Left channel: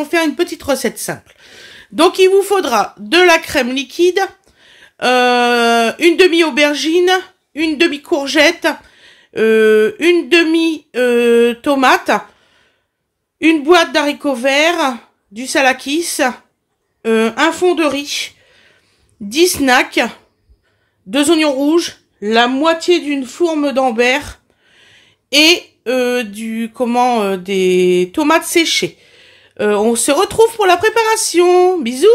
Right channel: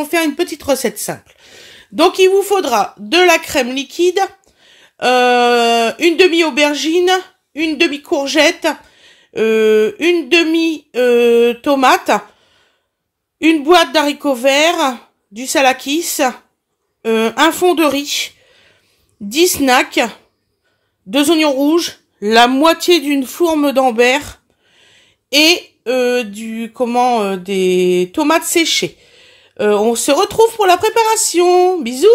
allons faire une petite recette simple. Donc, il vous faudra de la crème liquide, une demi-aubergine, une demi-courgette, une demi-tomate, une boîte d'haricots verts, du salakis, un fond de riz, 10 snacks, 2 oignons rouges, la moitié d'une fourme d'Ambert et des tomates séchées. On se retrouve pour la préparation. Bisous.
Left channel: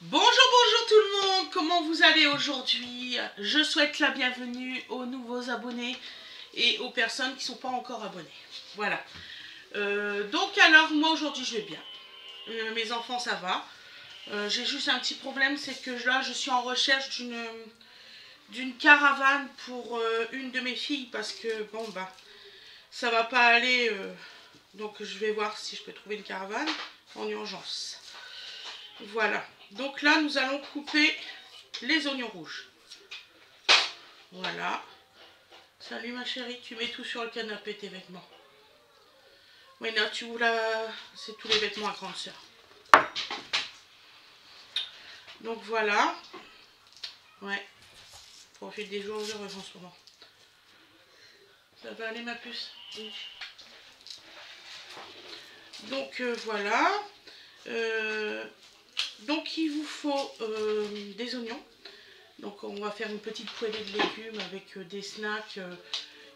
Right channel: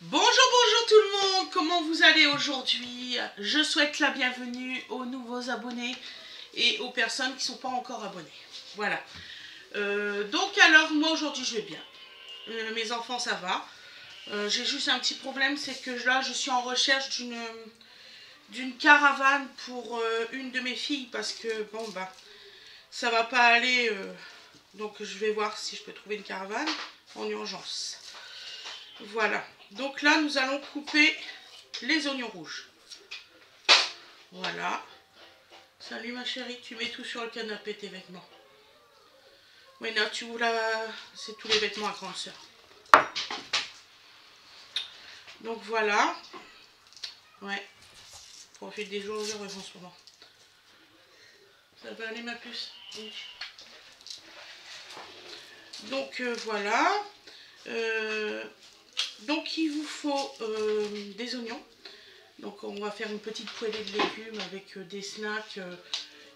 Bonjour tout le monde, comment vous allez aujourd'hui? Je souhaite la bienvenue aux nouveaux abonnés et aux personnes qui ne sont pas encore abonnées. Voilà. Donc alors, moi aujourd'hui je vais bien. Mes enfants ça va. J'ai juste un petit problème, c'est que là je suis en recherche d'une caravane pour une de mes filles parce que bon bah ça va pas aller. Donc je vais voir si je peux trouver une caravane en urgence. Voilà. Donc là nous allons couper les oignons rouges. Voilà. Salut ma chérie, tu mets tout sur le canapé tes vêtements. Oui, là, tu ouvres c'est tous les vêtements à grande sœur. Donc voilà. Ouais. Profite des jours heureux en ce moment. Ça va aller ma puce? Oui. Donc voilà. Donc il vous faut des oignons. Donc on va faire une petite poêlée de légumes avec des snacks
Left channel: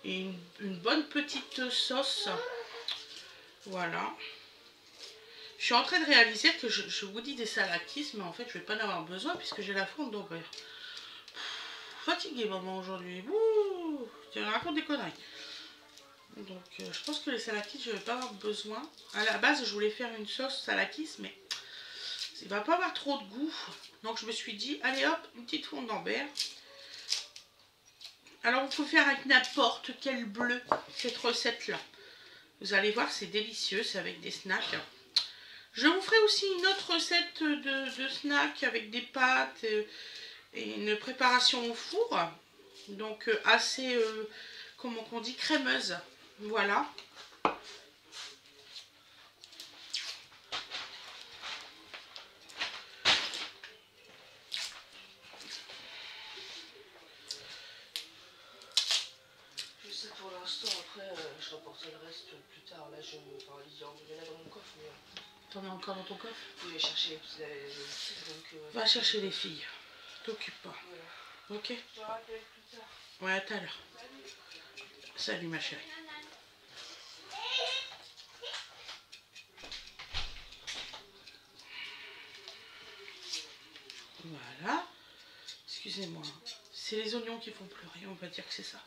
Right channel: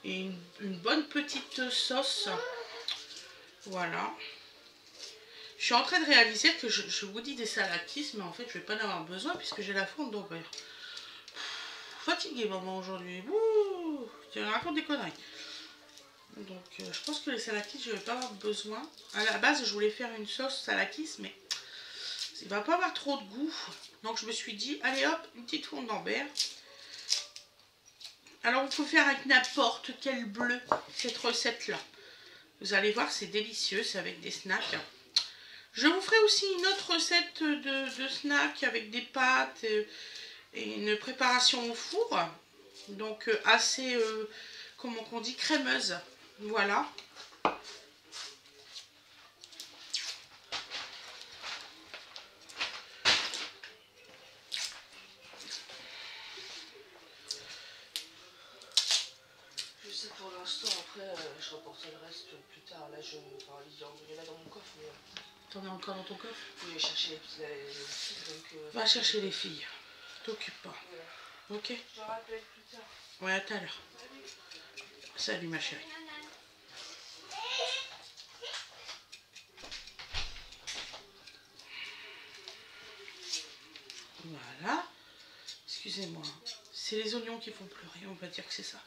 et une bonne petite sauce. Voilà. Je suis en train de réaliser que je vous dis des salakis, mais en fait je vais pas en avoir besoin puisque j'ai la fourme d'Ambert. Fatiguée maman aujourd'hui. Tu racontes des conneries. Donc je pense que les salakis je vais pas avoir besoin. À la base je voulais faire une sauce salakis, mais il va pas avoir trop de goût. Donc je me suis dit allez hop, une petite fourme d'Ambert. Alors vous pouvez faire avec n'importe quel bleu cette recette là. Vous allez voir, c'est délicieux, c'est avec des snacks. Je vous ferai aussi une autre recette de snacks avec des pâtes et une préparation au four. Donc assez, comment on dit, crémeuse. Voilà. Pour l'instant, après, je reporterai le reste plus tard. Là, il y en a dans mon coffre. T'en as encore dans ton coffre? Oui, je vais chercher les filles. Donc, va chercher les filles. T'occupe pas. Voilà. Ok? Je te rappelle plus tard. Ouais, à tout à l'heure. Salut ma chérie. Voilà. Excusez-moi. C'est les oignons qui font pleurer, on va dire que c'est ça.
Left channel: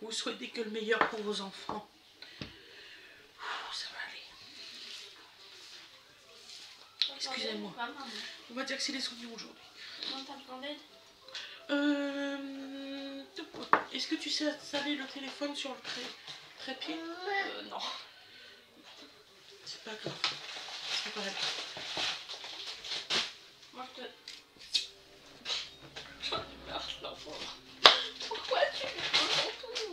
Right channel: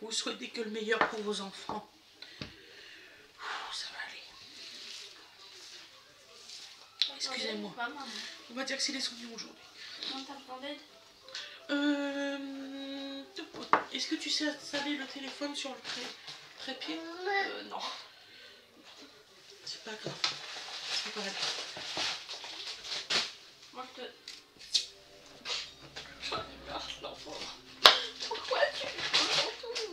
Vous souhaitez que le meilleur pour vos enfants. Ça va aller. Excusez-moi. On va dire que c'est les oignons aujourd'hui. Est-ce que tu sais installer le téléphone sur le trépied? Non. C'est pas grave. C'est pas grave. Moi, je te... J'en ai marre, l'enfant. Pourquoi tu fais tout?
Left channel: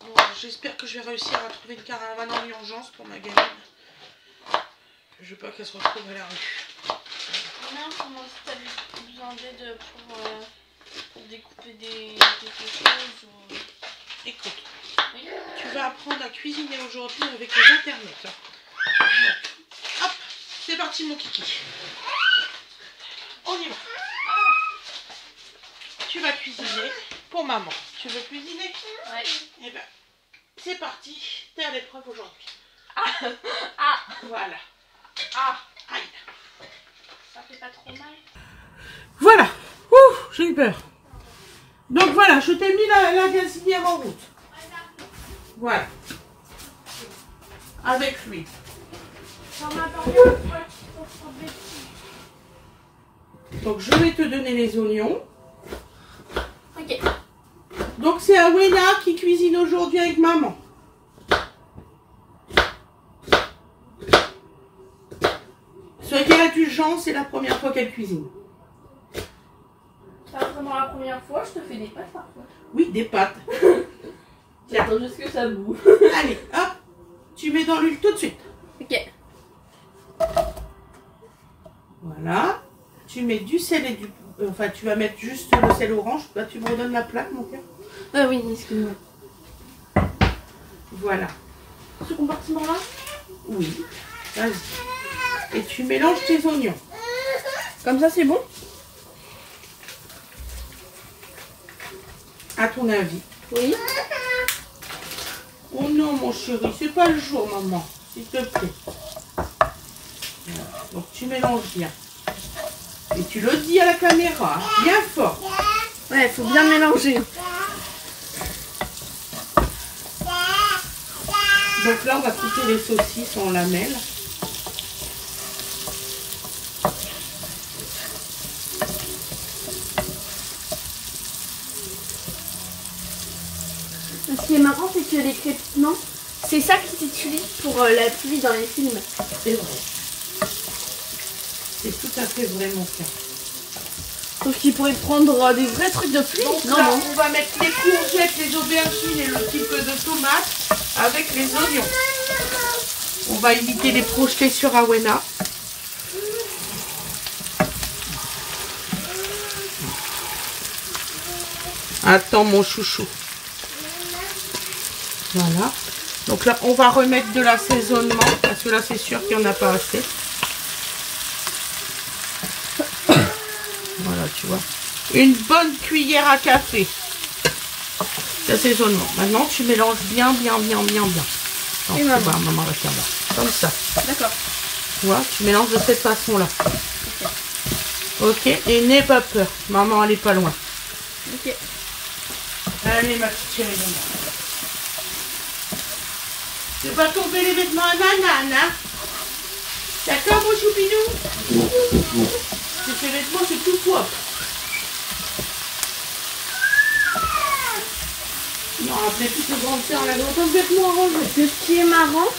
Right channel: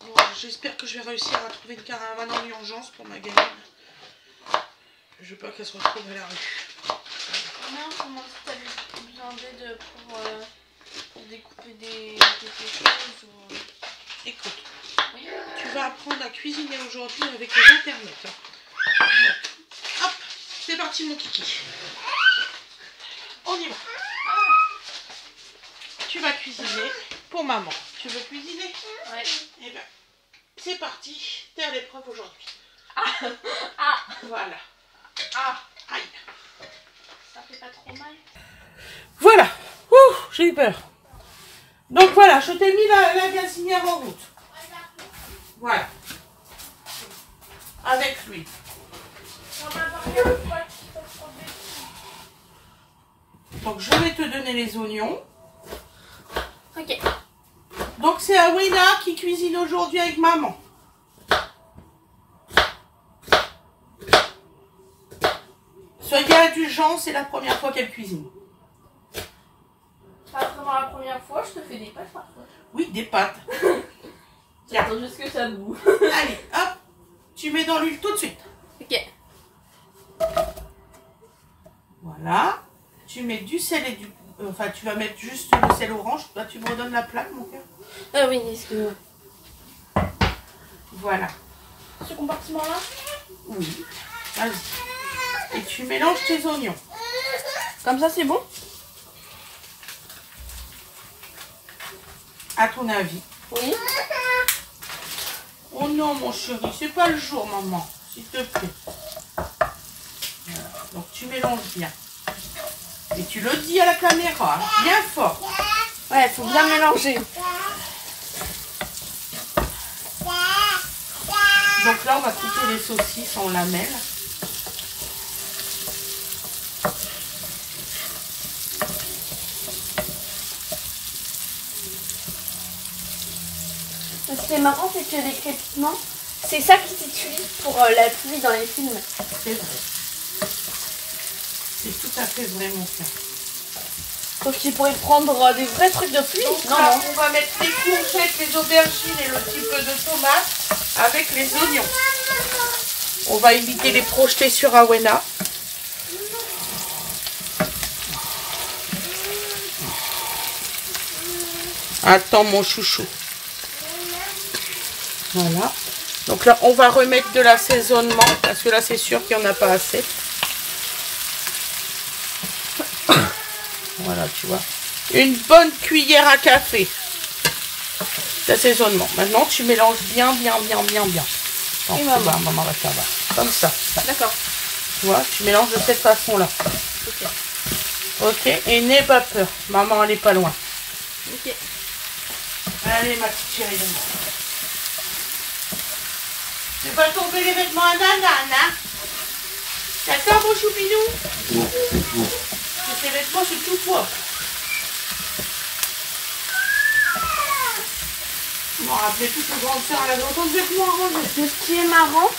Bon, j'espère que je vais réussir à trouver une caravane en urgence pour ma gamine. Je veux pas qu'elle se retrouve à la rue. Maman, comment tu as besoin d'aide pour découper quelque chose ou... Écoute, Oui. tu vas apprendre à cuisiner aujourd'hui avec les internets. Donc, hop, c'est parti mon kiki. On y va. Tu vas cuisiner pour maman. Tu veux cuisiner? Ouais. Eh ben, c'est parti. T'es à l'épreuve aujourd'hui. Ah. Voilà. Ah. Aïe. Ça fait pas trop mal? Voilà. Ouh, j'ai eu peur. Donc voilà, je t'ai mis la gazinière en route. Voilà. Avec lui. Donc je vais te donner les oignons. Ok. Donc c'est Awena qui cuisine aujourd'hui avec maman. Soyez Jean, c'est la première fois qu'elle cuisine. Pas vraiment la première fois, je te fais des pâtes parfois. Oui, des pâtes. J'attends juste que ça boue. Allez, hop, tu mets dans l'huile tout de suite. Ok. Voilà. Tu mets du sel et du... Enfin, tu vas mettre juste le sel orange. Là, tu me redonnes la plaque, mon cœur. Ah oui, excuse-moi. Voilà. Ce compartiment-là? Oui. Vas-y. Et tu mélanges tes oignons. Comme ça, c'est bon? À ton avis. Oui. Oh non, mon chéri, c'est pas le jour, maman. S'il te plaît. Voilà. Donc, tu mélanges bien. Et tu le dis à la caméra, bien fort. Ouais, il faut bien mélanger. Donc là, on va couper les saucisses en lamelles. Ce qui est marrant, c'est que les crépitements, c'est ça qu'ils utilisent pour la pluie dans les films. C'est vrai. C'est tout à fait vrai, mon cœur. Donc ils pourraient prendre des vrais trucs de pluie. Donc Non, là, non. on va mettre les courgettes, les aubergines et le petit peu de tomate avec les oignons. On va éviter les projeter sur Awena. Attends, mon chouchou. Voilà. Donc là, on va remettre de l'assaisonnement parce que là, c'est sûr qu'il n'y en a pas assez. Voilà, tu vois. Une bonne cuillère à café d'assaisonnement. Maintenant, tu mélanges bien. Non, Et c'est maman. bon, maman va faire là. Comme ça. D'accord. Tu vois, tu mélanges de cette façon-là. Ok, et n'aie pas peur. Maman, elle n'est pas loin. Ok. Allez, ma petite chérie. Tu vas tomber les vêtements à nanane, hein? D'accord, mon choupinou? Ces vêtements, c'est tout toi. Je m'en rappelais plus que grande sœur, elle avait autant de vêtements à ranger. Mais ce qui est marrant,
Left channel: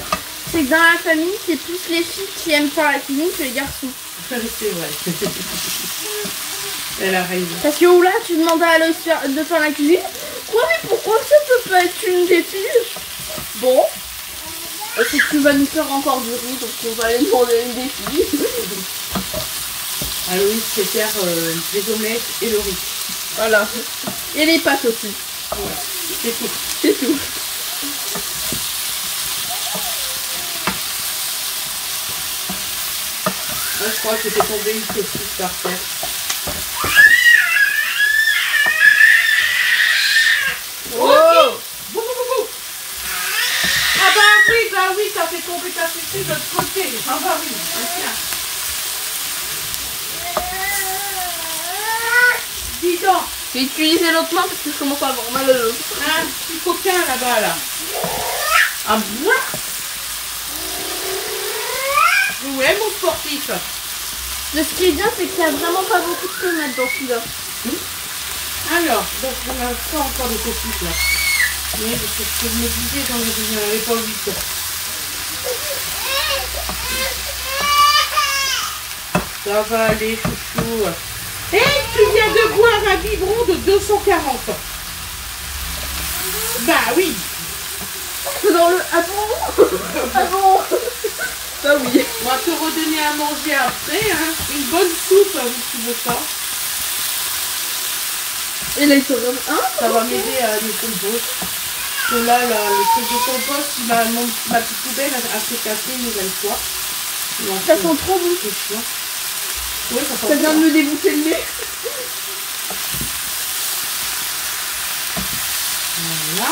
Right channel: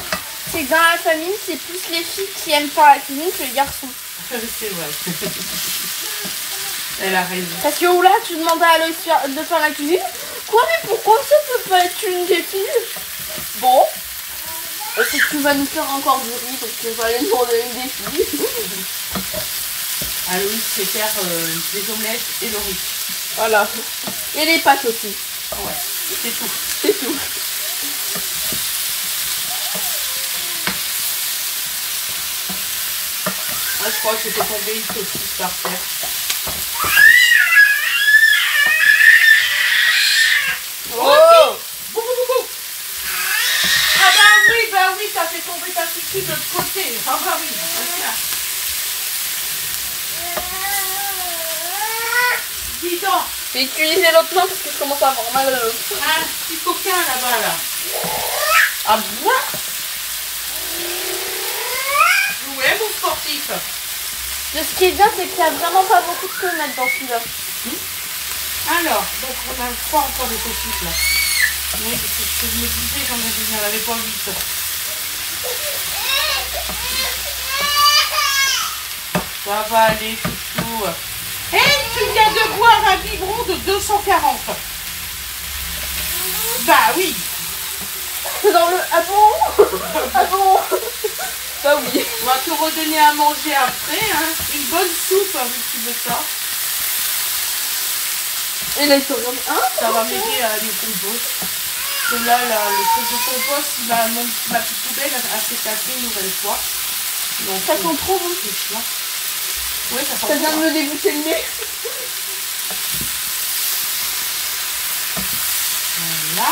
c'est que dans la famille, c'est plus les filles qui aiment faire la cuisine que les garçons. C'est vrai. Elle a raison. Parce que là, tu demandais à Aloïs de faire la cuisine. Quoi, mais pourquoi ça peut pas être une des filles? Bon. C'est que tu vas nous faire encore du riz, donc on va aller demander à une des filles. Aloïs sait faire des omelettes et le riz. Voilà. Et les pâtes aussi. Ouais, c'est tout. C'est tout. Moi, je crois que c'était tombé une saucisse par terre. Oh! Bou, bou, bou, bou. Ah bah oui, ça fait tomber ta saucisse de l'autre côté. Ah bah oui, ok. Dis donc, J'ai utilisé l'autre main parce que je commence à avoir mal. un petit coquin là-bas, là. Ah moi? Ouais, mon sportif. Mais ce qui est bien, c'est qu'il n'y a vraiment pas beaucoup de fenêtres dans celui-là. Alors, donc on a pas encore de saucisse là. Oui, c'est ce que je me disais quand j'en avais pas 8 ans. Ça va aller, chouchou. Eh, tu viens de boire un biberon de 240. Bah oui. Dans le... Attends. Attends. Ça oui. On va te redonner à manger après. Hein. Une bonne soupe, hein, si tu veux ça. Et là, il se regarde. Hein? Ça va m'aider à le compost. Et là, le truc de compost, ma petite poubelle a s'est cassée une nouvelle fois. Ça sent trop bon. C'est chiant. Oui, ça Ça sent vient de bon. me dégoûter le nez. Voilà.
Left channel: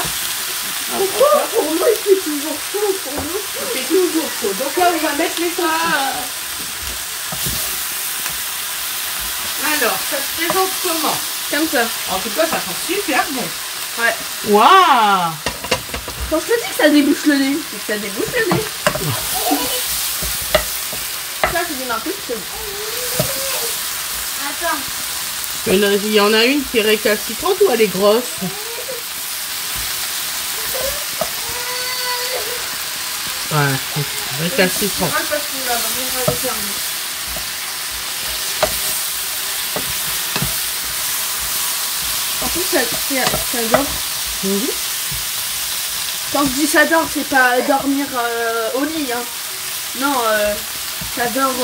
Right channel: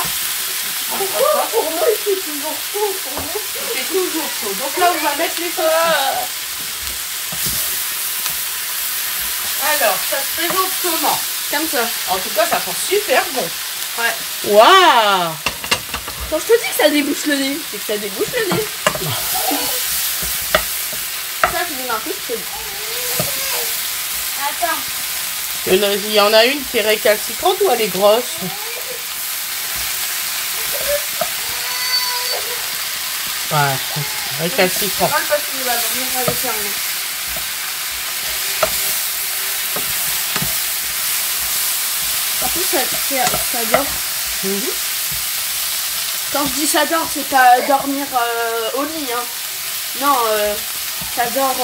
Pourquoi pour moi il fait toujours chaud pour nous? C'est toujours chaud. Donc là, on va mettre les saucisses. Alors, ça se présente comment? Comme ça. En tout cas, ça sent super bon. Ouais. Waouh! Quand je te dis que ça débouche le nez, c'est que ça débouche le nez. Là, je donne un peu de chaud. Attends. Il y en a une qui est récalcitrante ou elle est grosse? Ouais, récalcitrante. Parce que là, on va les fermer. En plus, ça dort. Mhm. Quand je dis ça dort, c'est pas dormir au lit. Hein. Non, ça dort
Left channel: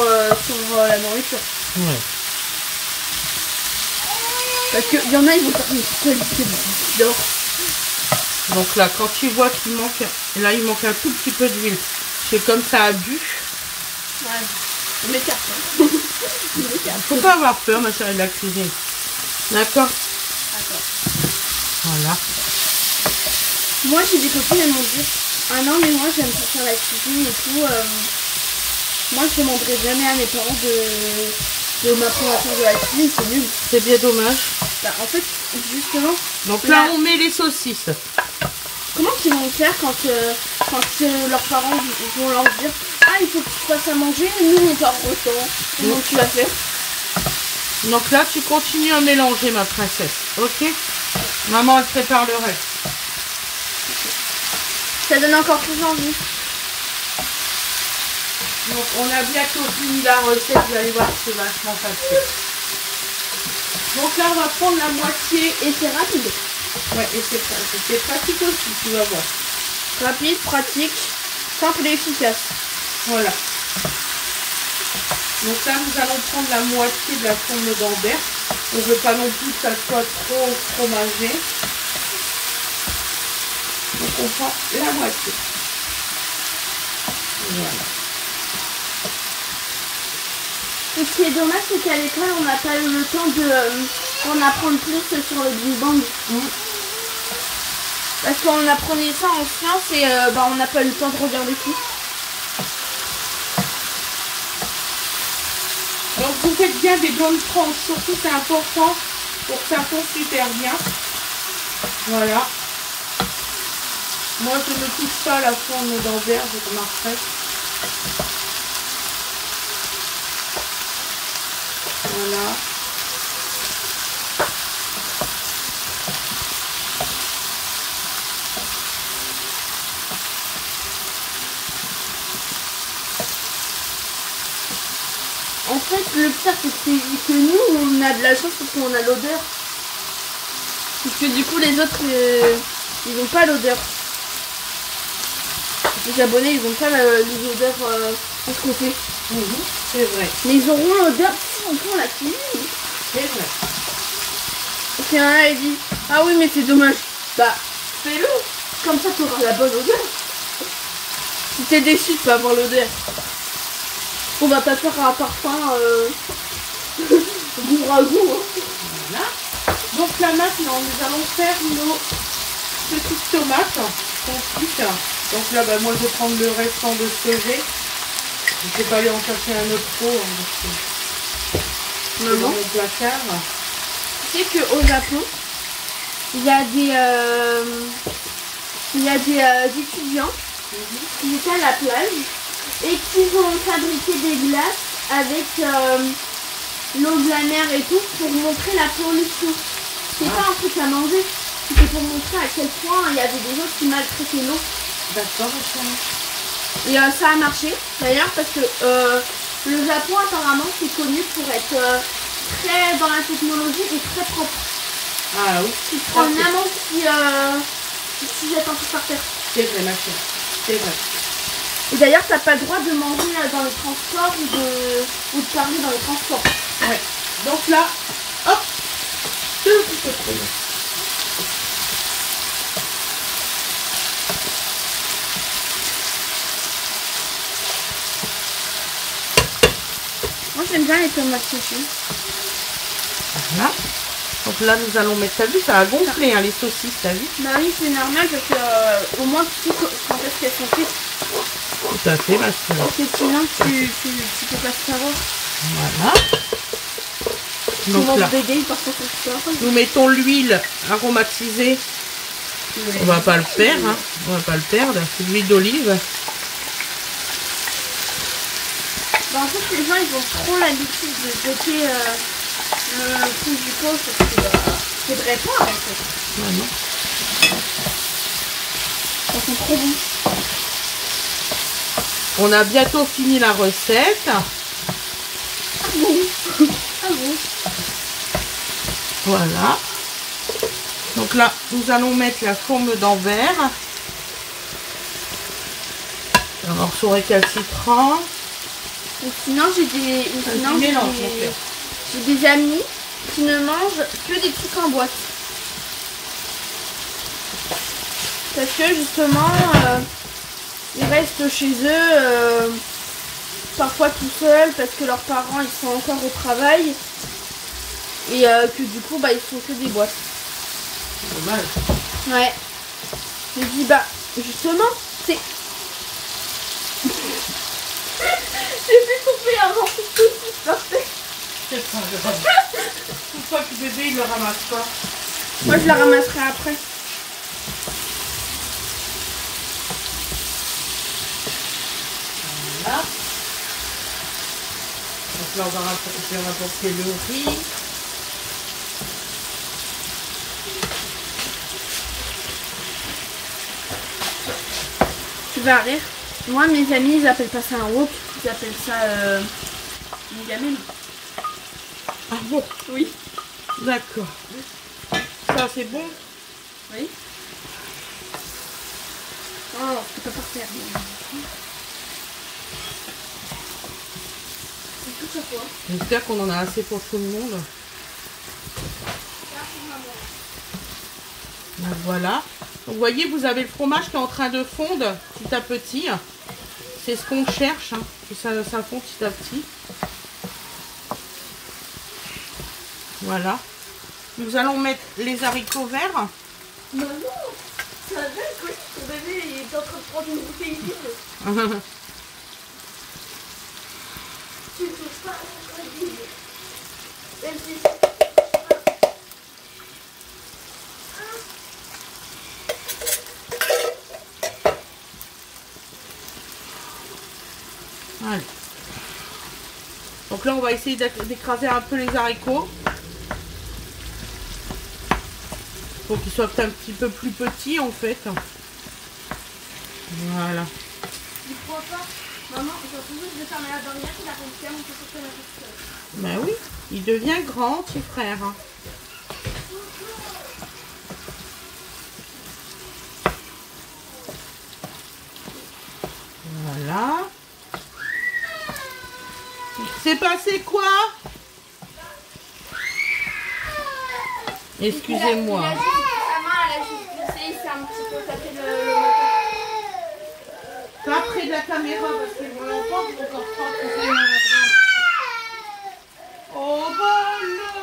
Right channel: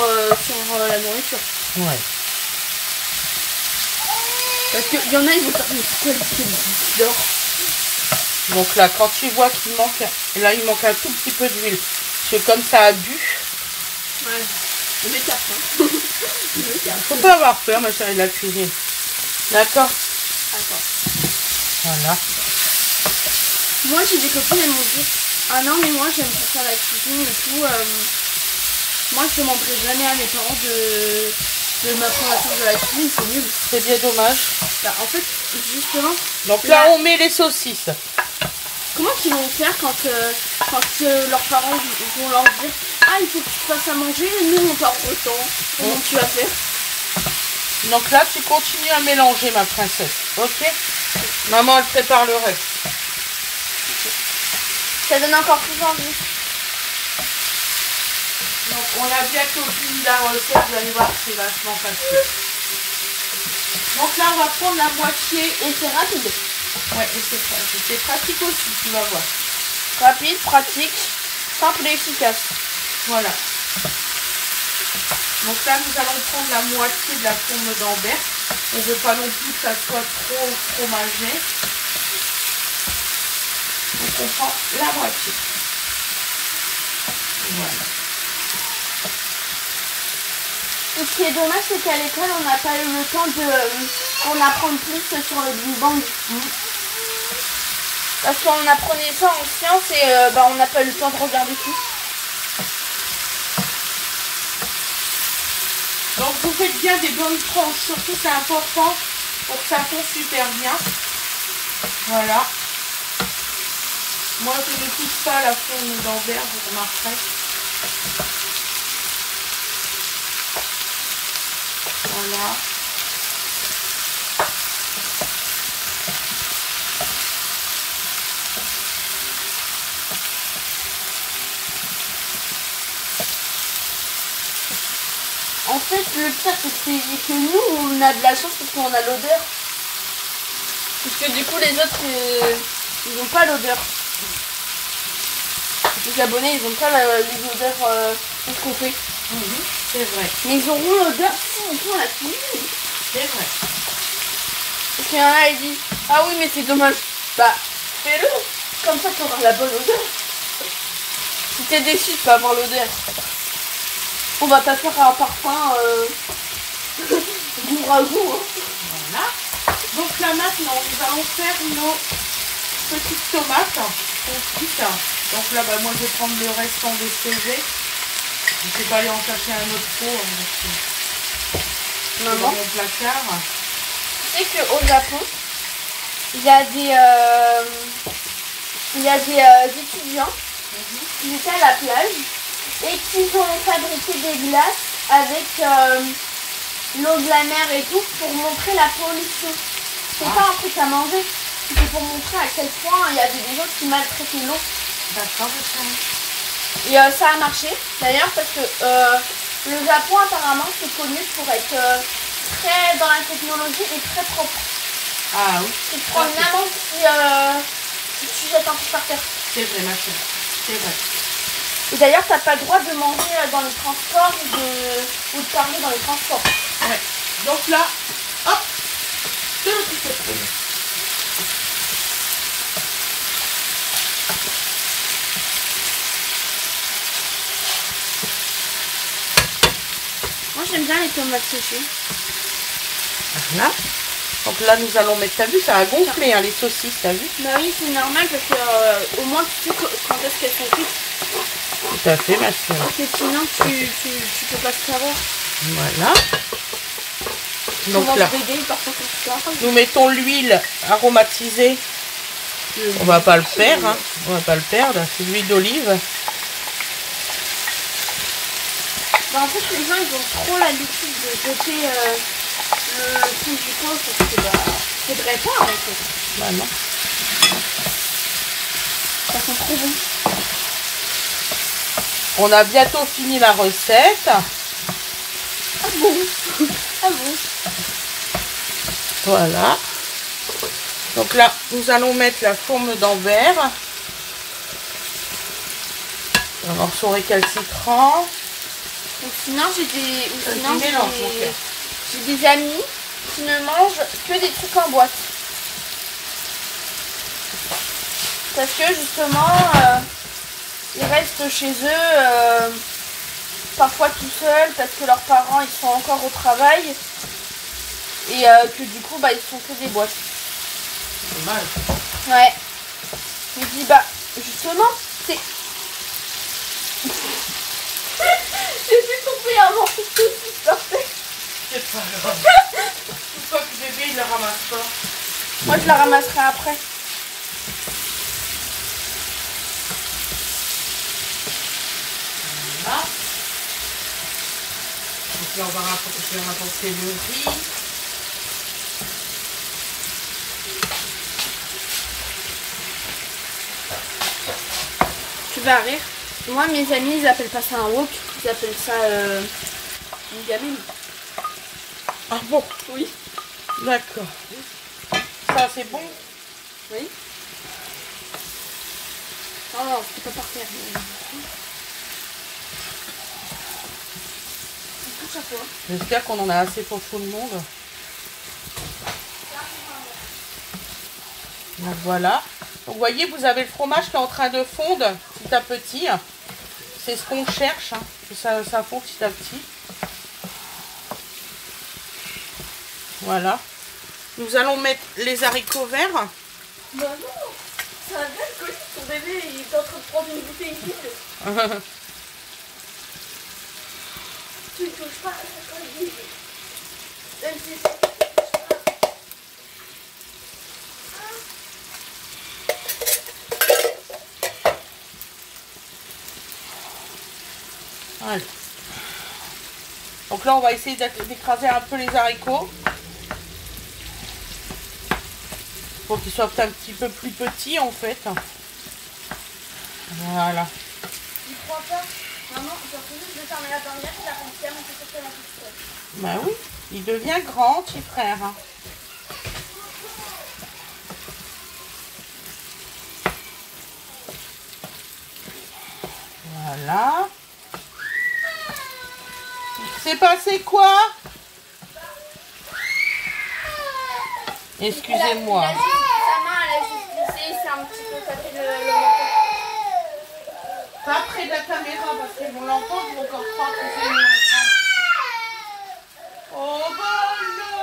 sur la nourriture. Ouais. Parce qu'il y en a, ils vont faire mais pourquoi ils dort. Donc là, quand tu vois qu'il manque, là il manque un tout petit peu d'huile. Parce que comme ça a bu. Ouais. On m'écarte. Hein. Faut pas avoir peur, ma chérie, de la cuisine. D'accord? Attends. Voilà. Moi, j'ai des copines, elles m'ont dit ah non, mais moi, j'aime pas faire la cuisine et tout. Moi, je demanderai jamais à mes parents de m'apprendre à faire de la cuisine, c'est nul. C'est bien dommage. Bah, en fait, justement. Donc là, on met les saucisses. Comment ils vont faire quand leurs parents vont leur dire ah, il faut que tu fasses à manger, nous on part au temps. Comment tu vas faire? Donc là, tu continues à mélanger, ma princesse. Ok? Maman, elle prépare le reste. Ça donne encore plus envie. Donc, on a bientôt fini la recette. Vous allez voir, c'est vachement facile. Donc là, on va prendre la moitié. Et c'est rapide. Ouais, et c'est pratique aussi, tu vas voir. Rapide, pratique, simple et efficace. Voilà. Donc là, nous allons prendre la moitié de la tourne d'Ambert. On ne veut pas non plus que ça soit trop fromagé. Donc on prend la moitié. Voilà. Ce qui est dommage, c'est qu'à l'école, on n'a pas eu le temps d'en apprendre plus sur le Big Bang. Parce qu'on apprenait ça en sciences et on n'a pas eu le temps de regarder tout. Donc vous faites bien des bonnes tranches, surtout c'est important pour que ça fonde super bien. Voilà. Moi je ne pousse pas la tourne d'Ambert, je remarquerai. Voilà. En fait, le pire, c'est que nous, on a de la chance parce qu'on a l'odeur. Parce que du coup, les autres, ils n'ont pas l'odeur. Les abonnés, ils n'ont pas les odeurs qu'on fait. C'est vrai. Mais ils auront l'odeur si on prend la cuisine. C'est vrai. Parce qu'il y en a, il dit ah oui, mais c'est dommage. Bah, fais-le. Comme ça, tu auras la bonne odeur. Si t'es déçu de pas avoir l'odeur, on va pas faire un parfum du ragoût. Voilà. Donc là maintenant, nous allons faire nos petites tomates confites. Donc là, moi je vais prendre le restant de ce que j'ai. Je ne sais pas aller en chercher un autre pot. Dans mon placard. Tu sais qu'au Japon, il y a des étudiants qui étaient à la plage et qui ont fabriqué des glaces avec l'eau de la mer et tout pour montrer la pollution. C'est pas un truc à manger, c'était pour montrer à quel point il y avait des gens qui maltraitaient l'eau. D'accord, et ça a marché d'ailleurs parce que le Japon apparemment c'est connu pour être très dans la technologie et très propre. Ah oui. Tu prends une amande qui jette un peu par terre. C'est vrai, ma chérie. C'est vrai. Et d'ailleurs, t'as pas le droit de manger dans les transports ou de parler dans les transports. Ouais. Donc là, hop, deux petites feuilles. Moi, j'aime bien les tomates séchées. Voilà. Donc là, nous allons mettre, t'as vu, ça a gonflé, hein, les saucisses, t'as vu? Bah oui, c'est normal parce que au moins tu sais quand est-ce qu'elles sont cuites. Tout à fait, ma soeur. Parce que sinon, tu peux pas savoir. Voilà. Donc là, nous mettons l'huile aromatisée. On va pas le faire, hein. On va pas le perdre. C'est l'huile d'olive. Bah en fait, les gens ils ont trop l'habitude de jeter le truc du pot parce que c'est vrai pas en fait. Voilà. Ça sent trop bon. On a bientôt fini la recette. Ah bon. Ah bon. Voilà. Donc là, nous allons mettre la fourme d'Anvers. Alors, son récalcitrant. Et sinon, j'ai des amis qui ne mangent que des trucs en boîte. Parce que justement, ils restent chez eux, parfois tout seuls, parce que leurs parents ils sont encore au travail. Et que du coup, ils font que des boîtes. Dommage. Ouais. Je me dis, justement, c'est... J'ai pu couper avant que tout se sortait. C'est pas grave. Une fois que bébé, il le ramasse pas. Moi, je la ramasserai après. Voilà. Donc là, on va rapporter le riz. Tu vas rire. Moi, mes amis, ils appellent pas ça un wok, ils appellent ça une gamine. Ah bon? Oui. D'accord. Ça, c'est bon? Oui. Oh non, tu peux pas faire. C'est tout ça quoi. J'espère qu'on en a assez pour tout le monde. Donc voilà. Donc, vous voyez, vous avez le fromage qui est en train de fondre petit à petit. C'est ce qu'on cherche, hein, que ça fond petit à petit. Voilà. Nous allons mettre les haricots verts. Maman, ça va quand ton bébé il est en train de prendre une bouteille vide. Tu peux pas Ouais. Donc là, on va essayer d'écraser un peu les haricots. Pour qu'ils soient un petit peu plus petits en fait. Voilà. Je crois pas. Maman, j'ai juste de fermer la bannière, je la rentre mon petit peu la petite. Bah oui, il devient grand, petit frère. Voilà. C'est passé quoi? Excusez-moi. Sa main, elle a juste glissé, c'est un petit peu tapé le Pas près de la caméra parce qu'ils vont l'entendre, ils vont encore croire que c'est une drame. Oh bah non.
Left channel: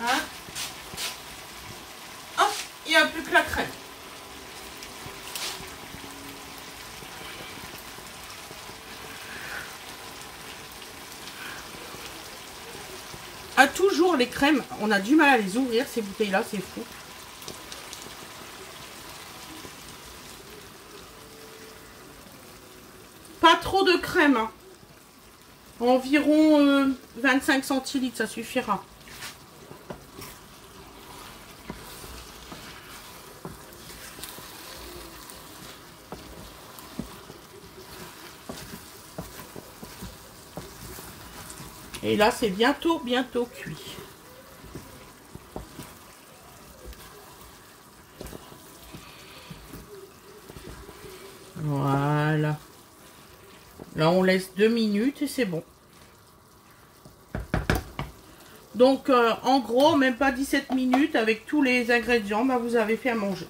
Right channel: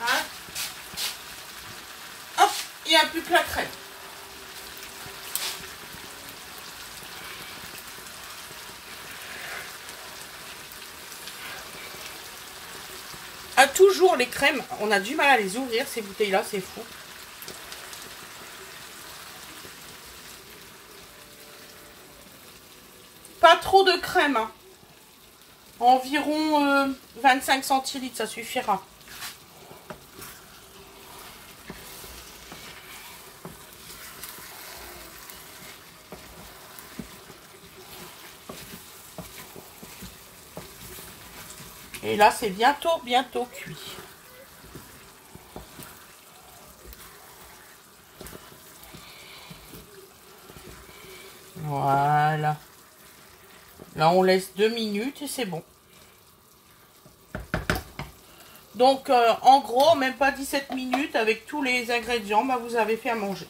Hein? Hop, il n'y a plus que la crème. Ah, toujours les crèmes, on a du mal à les ouvrir ces bouteilles là, c'est fou. Pas trop de crème, hein. Environ 25 centilitres, ça suffira. Et là, c'est bientôt cuit. Voilà. Là, on laisse 2 minutes et c'est bon. Donc, en gros, même pas 17 minutes, avec tous les ingrédients, vous avez fait à manger.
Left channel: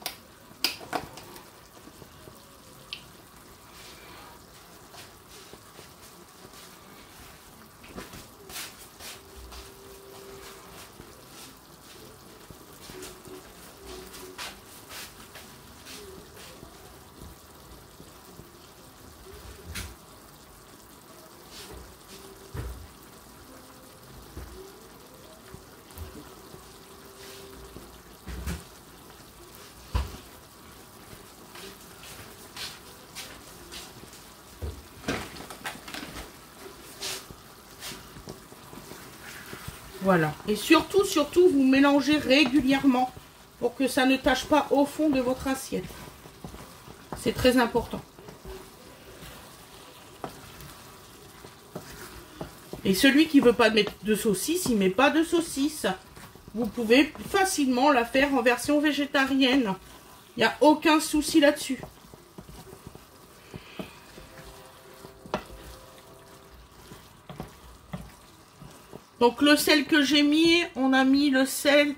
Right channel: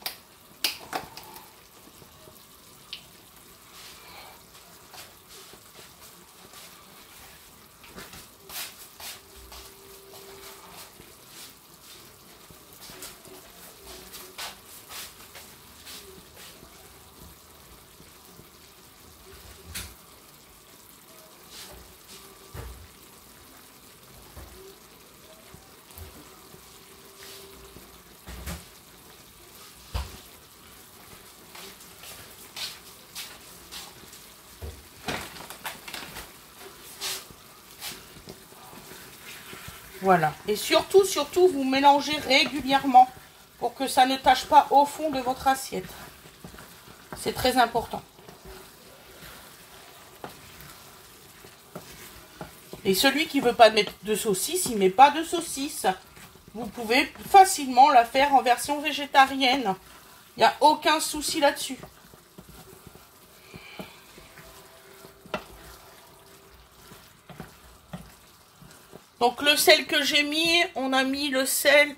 Voilà. Et surtout, vous mélangez régulièrement pour que ça ne tâche pas au fond de votre assiette. C'est très important. Et celui qui ne veut pas mettre de saucisse, il ne met pas de saucisse. Vous pouvez facilement la faire en version végétarienne. Il n'y a aucun souci là-dessus. Donc le sel que j'ai mis, on a mis le sel,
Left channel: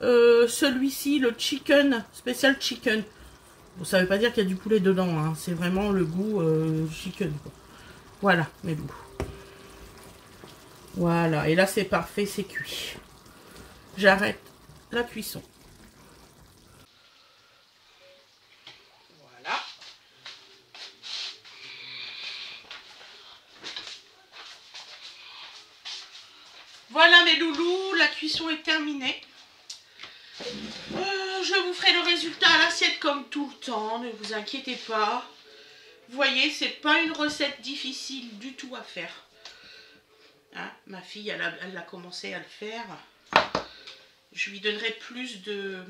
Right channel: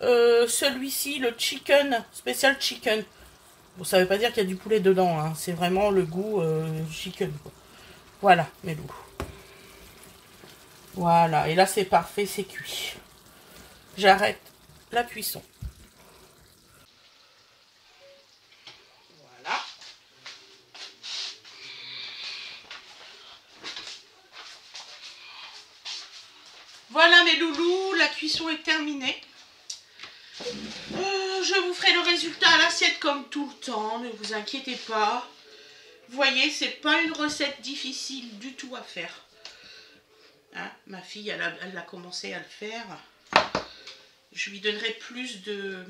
celui-ci, le chicken, spécial chicken. Bon, ça ne veut pas dire qu'il y a du poulet dedans, hein. C'est vraiment le goût chicken. Voilà, mes loups. Voilà, et là c'est parfait, c'est cuit. J'arrête la cuisson. Voilà. Voilà mes loulous, la cuisson est terminée. Je vous ferai le résultat à l'assiette comme tout le temps, ne vous inquiétez pas. Vous voyez, c'est pas une recette difficile du tout à faire. Hein, ma fille, elle a commencé à le faire. Je lui donnerai plus de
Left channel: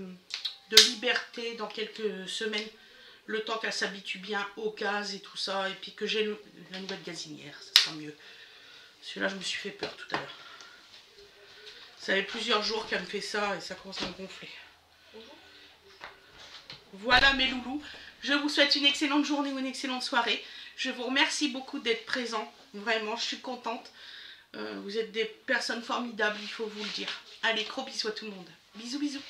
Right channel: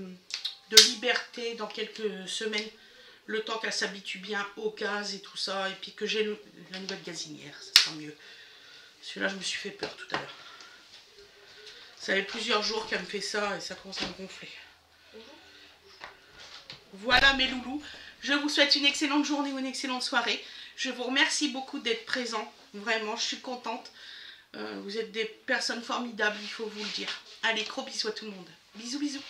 liberté dans quelques semaines, le temps qu'elle s'habitue bien au gaz et tout ça, et puis que j'ai la nouvelle gazinière, ça sera mieux. Celui-là, je me suis fait peur tout à l'heure. Ça fait plusieurs jours qu'elle me fait ça et ça commence à me gonfler. Voilà mes loulous, je vous souhaite une excellente journée ou une excellente soirée. Je vous remercie beaucoup d'être présents, vraiment, je suis contente. Vous êtes des personnes formidables, il faut vous le dire. Allez, gros bisous à tout le monde. Bisous, bisous.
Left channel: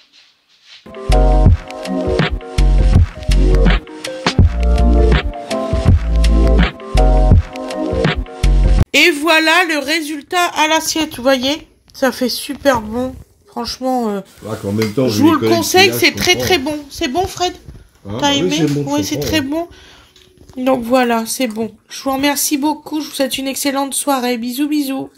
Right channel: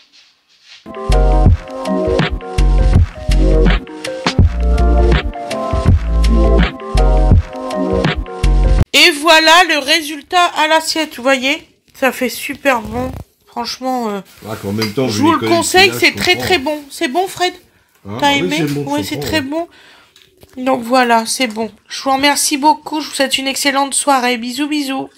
Et voilà le résultat à l'assiette, vous voyez. Ça fait super bon. Franchement, en même temps, je vous le conseille, c'est très très bon. C'est bon Fred? Hein? T'as aimé? Oui, c'est très bon. Donc voilà, c'est bon. Je vous remercie beaucoup, je vous souhaite une excellente soirée. Bisous, bisous.